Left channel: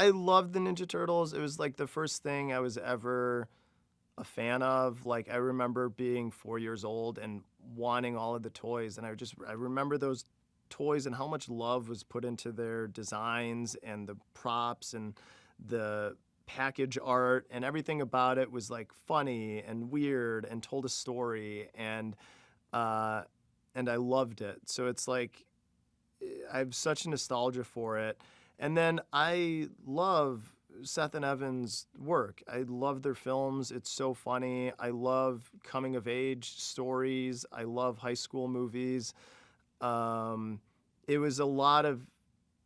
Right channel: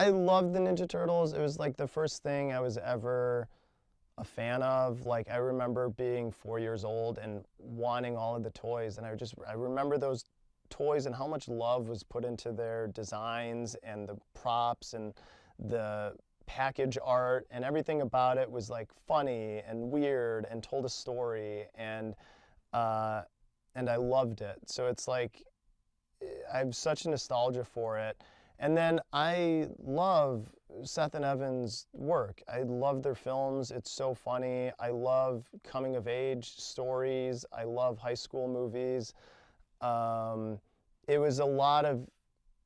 I loved the Ninja Turtles. It was like the first thing I was ever a fan of. Like, I remember being 4 years old and wanting all of the toys, and I remember those toys and how much love was put into their designs and the props and the package art, and everything about it was like funny and weird and told a story, and I loved it. So it's like I have such nostalgia for it. And then I love Seth and Evan's work. I love their films. It's so funny. I love coming of age stories. I love high school movies. It was a lot of,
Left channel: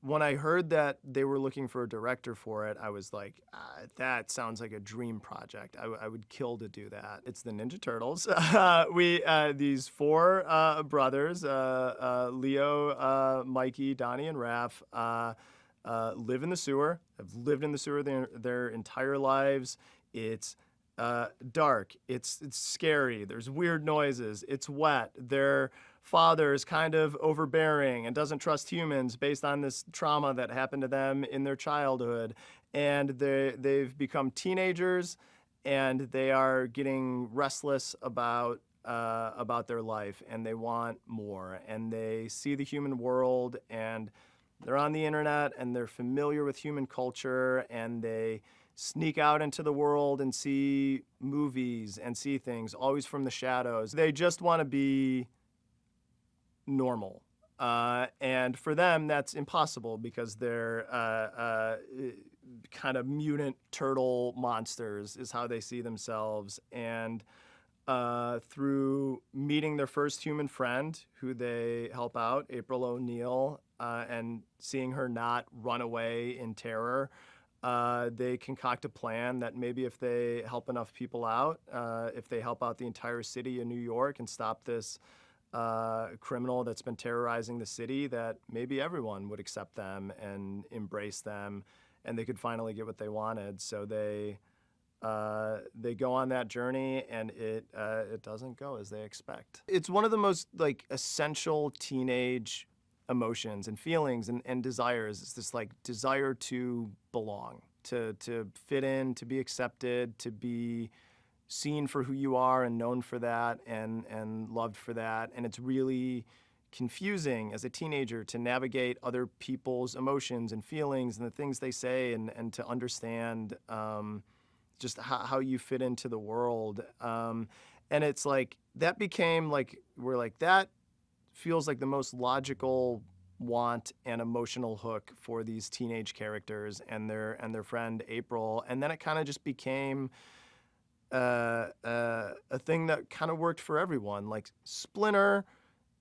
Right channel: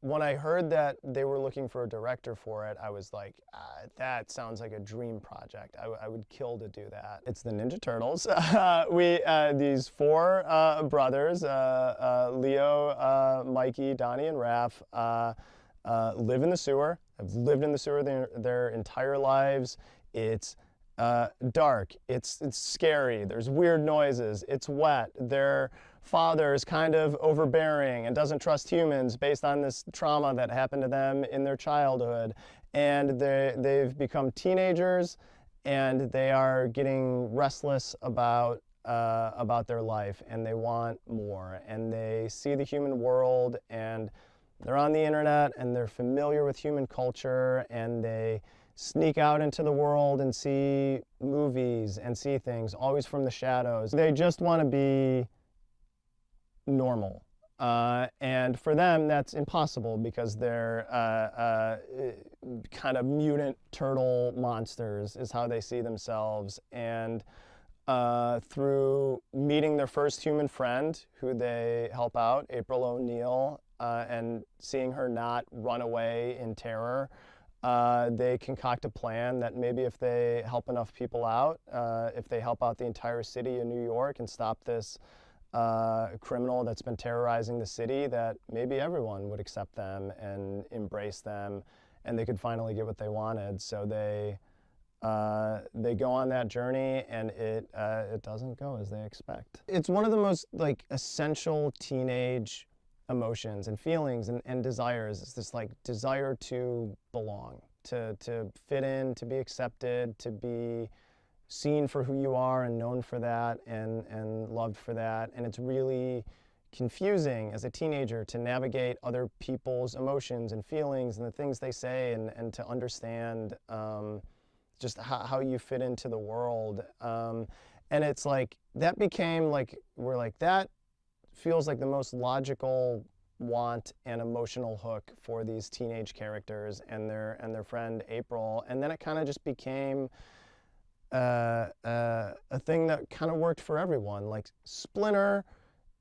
when I heard that they were looking for a director for it, I was like, that sounds like a dream project. I would kill to do that. It's the Ninja Turtles. These four brothers, Leo, Mikey, Donnie, and Raph, live in the sewer, have lived in the sewer their entire lives. It's dark, it's scary, there's weird noises, it's wet. Their father is kind of overbearing and doesn't trust humans based on this trauma that happened to them in their childhood. And they've become teenagers, and they are getting restless about their life, and they want more. And they see the human world, and they're on the internet, and they're familiar with human culture, and they sneak out into the world and see movies and see things, always from the shadows. They just want to be normal. And for them, that's impossible because they're kind of mutant turtle monsters is how they see themselves. And through meeting their first human friend, who they help out, April O'Neil, and seeing her not run away in terror, they concoct a plan that maybe if they help enough people out, if they help out the entire city of New York and stop this criminal that's been terrorizing the city, that maybe everyone would accept them and embrace them, and they could finally get what they wanted. So they go on that journey, and it doesn't go as they expect. It's one of the most like essential teenage emotions and feelings and desires. It's this like desire to belong, to fit in, to be accepted, to be seen for who you are and known for that, and loved for that. And it's really confusing as a teenager to navigate other people's emotions and feelings and the things they say, and to understand just how you fit into the world. And it's like, that became like, we're like, that feels like the most logical want and emotional hook for these teenage characters and their friend April. And then it kind of just became a thing that kind of worked for everyone. Like, Splinter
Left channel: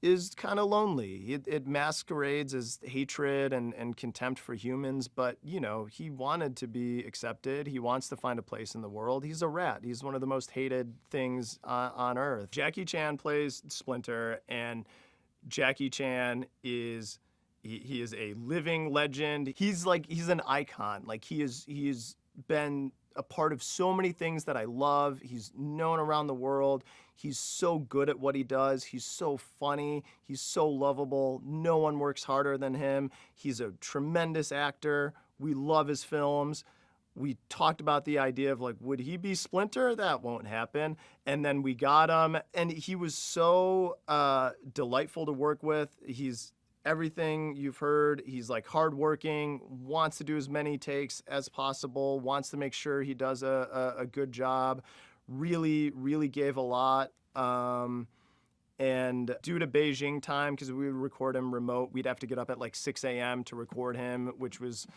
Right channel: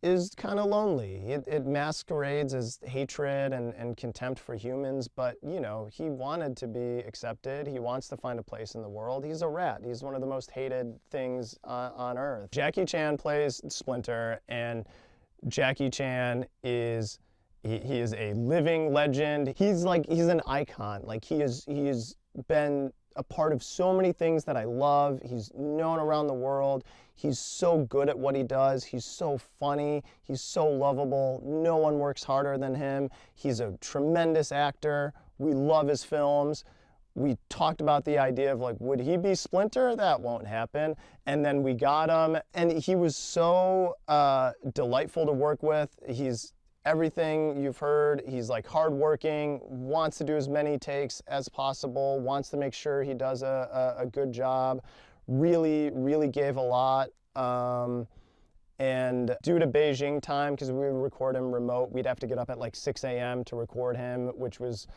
is kind of lonely. It masquerades as hatred and contempt for humans, but you know, he wanted to be accepted. He wants to find a place in the world. He's a rat. He's one of the most hated things on Earth. Jackie Chan plays Splinter, and Jackie Chan is he is a living legend. He's an icon. Like, he has been a part of so many things that I love. He's known around the world. He's so good at what he does. He's so funny. He's so lovable. No one works harder than him. He's a tremendous actor. We love his films. We talked about the idea of like, would he be Splinter? That won't happen. And then we got him, and he was so delightful to work with. He's everything you've heard. He's like hardworking, wants to do as many takes as possible, wants to make sure he does a good job. Really gave a lot. And due to Beijing time, because we would record him remote, we'd have to get up at like 6 a.m. to record him, which was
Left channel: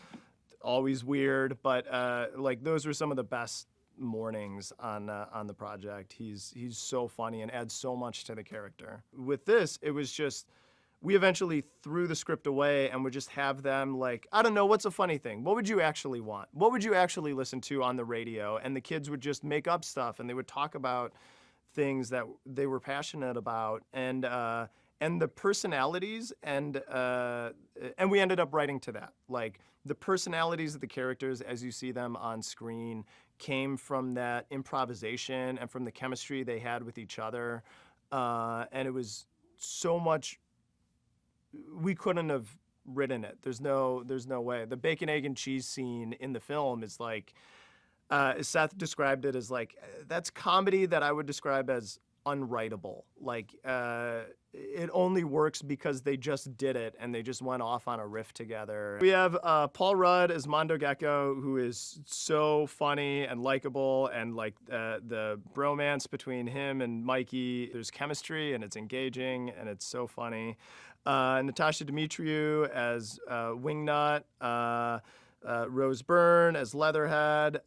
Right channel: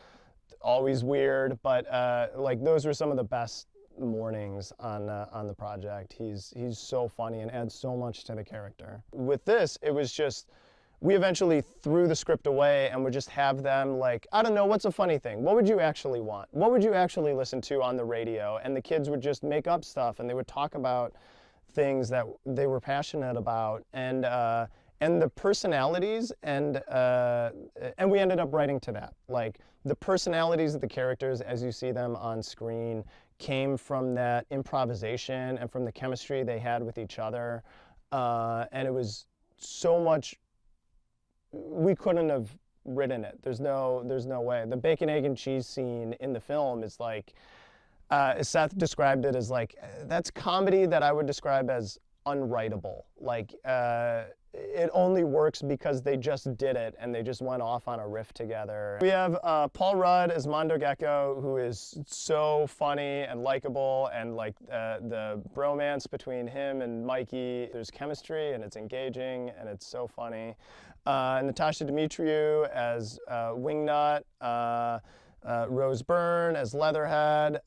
always weird. But like, those were some of the best mornings on the project. He's so funny and adds so much to the character. With this, it was just, we eventually threw the script away and would just have them like, I don't know, what's a funny thing? What would you actually want? What would you actually listen to on the radio? And the kids would just make up stuff, and they would talk about things that they were passionate about, and the personalities, and we ended up writing to that. Like, the personalities of the characters as you see them on screen came from that improvisation and from the chemistry they had with each other. And it was so much, we couldn't have written it. There's no way. The bacon, egg, and cheese scene in the film is like, Seth described it as like, that's comedy that I would describe as unwritable. Like, it only works because they just did it and they just went off on a riff together. We have Paul Rudd as Mondo Gecko, who is so funny and likable, and like the bromance between him and Mikey, there's chemistry and it's engaging and it's so funny. Natasha Dimitriou as Wingnut, Rose Byrne as Leatherhead,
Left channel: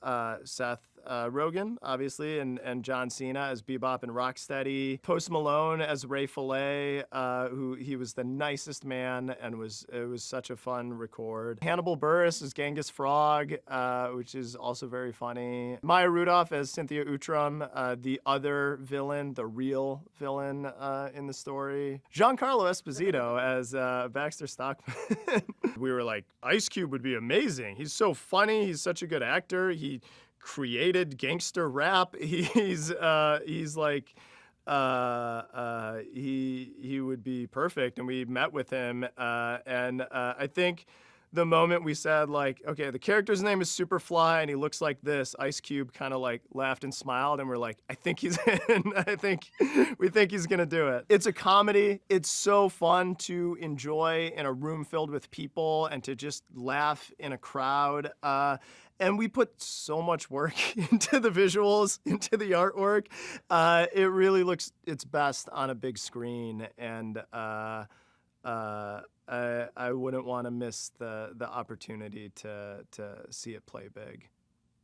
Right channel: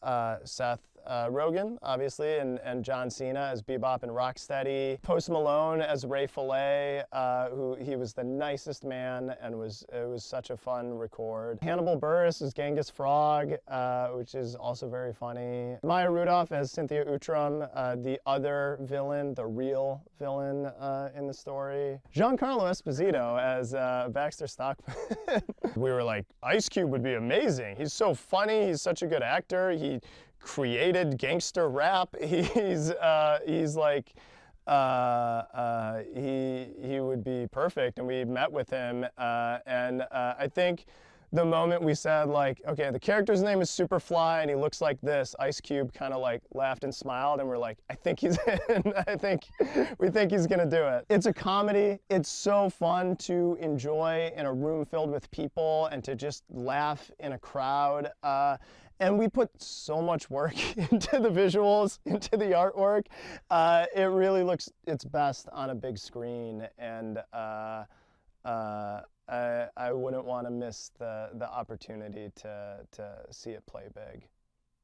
Seth Rogen, obviously, and John Cena as Bebop and Rocksteady. Post Malone as Ray Fillet, who he was the nicest man, and it was such a fun record. Hannibal Buress as Genghis Frog, which is also very funny. Maya Rudolph as Cynthia Outram, the other villain, the real villain in the story. Giancarlo Esposito as Baxter Stockman. We were like, Ice Cube would be amazing. He's so funny. He's such a good actor. He created gangster rap. He's like, he would be perfect. And we met with him, and I think the moment we said, like, okay, the character's name is Superfly and he looks like this, Ice Cube kind of like laughed and smiled, and we're like, I think he's in. We think he's gonna do it. It's a comedy. It's so fun to enjoy in a room filled with people and to just laugh in a crowd. And we put so much work into the visuals, into the artwork. It really looks its best on a big screen, and I wouldn't want to miss the opportunity to see it play big.